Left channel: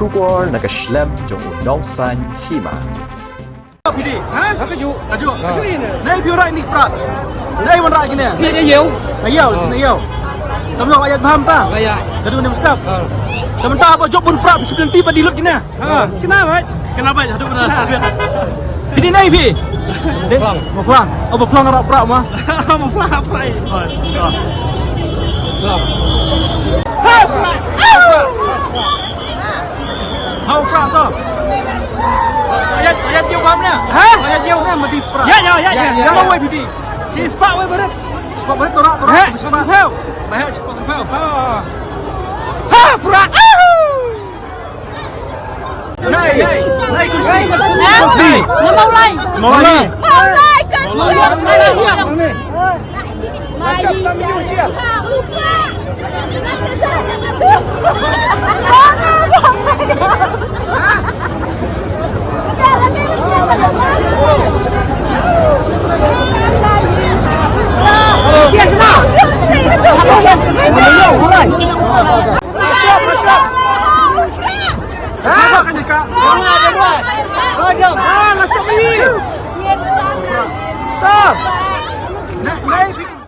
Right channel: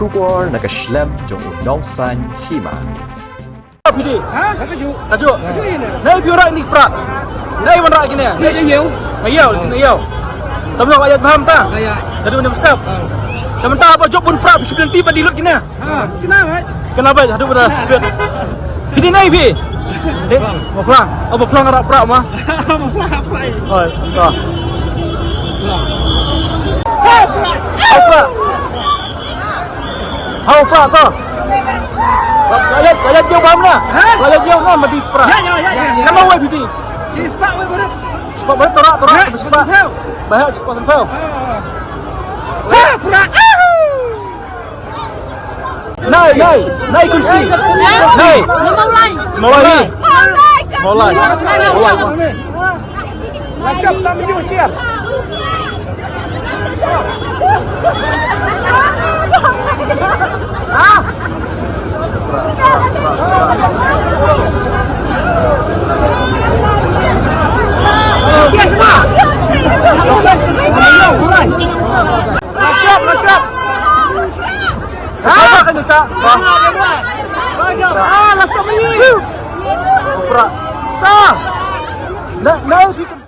Syukur nak Islam jong unong san hima. PD. Hả? Có vụ. Aju. Aju ini. Nay phiếu right ni pra. Nay man ra gini. Ini dia yêu. Ayau, sini ayau. Tamu ayat paham ta? Kayak. Tadi mana stop? Sementara apa job pun pra bikin tiba di lut gini. Kenapa? Kenapa? Hadu benar. Ini nay pi. Mau pulang. Oh, mau pulang arah pra mah. Mau pulang apa ini? Oh, oh. Pulang. Hau pra ta. Ayat jauh paham na? Ayat jauh na mati pra. Ya. Nama wei PD. Si sepak wei berat. Sebab berat torak sebab. Sebab. Bahaya sebab tempel. Pulang. Naik kursi. Naik. Mau lagi. Mau Mau lagi. Kenapa kan kak? Naik.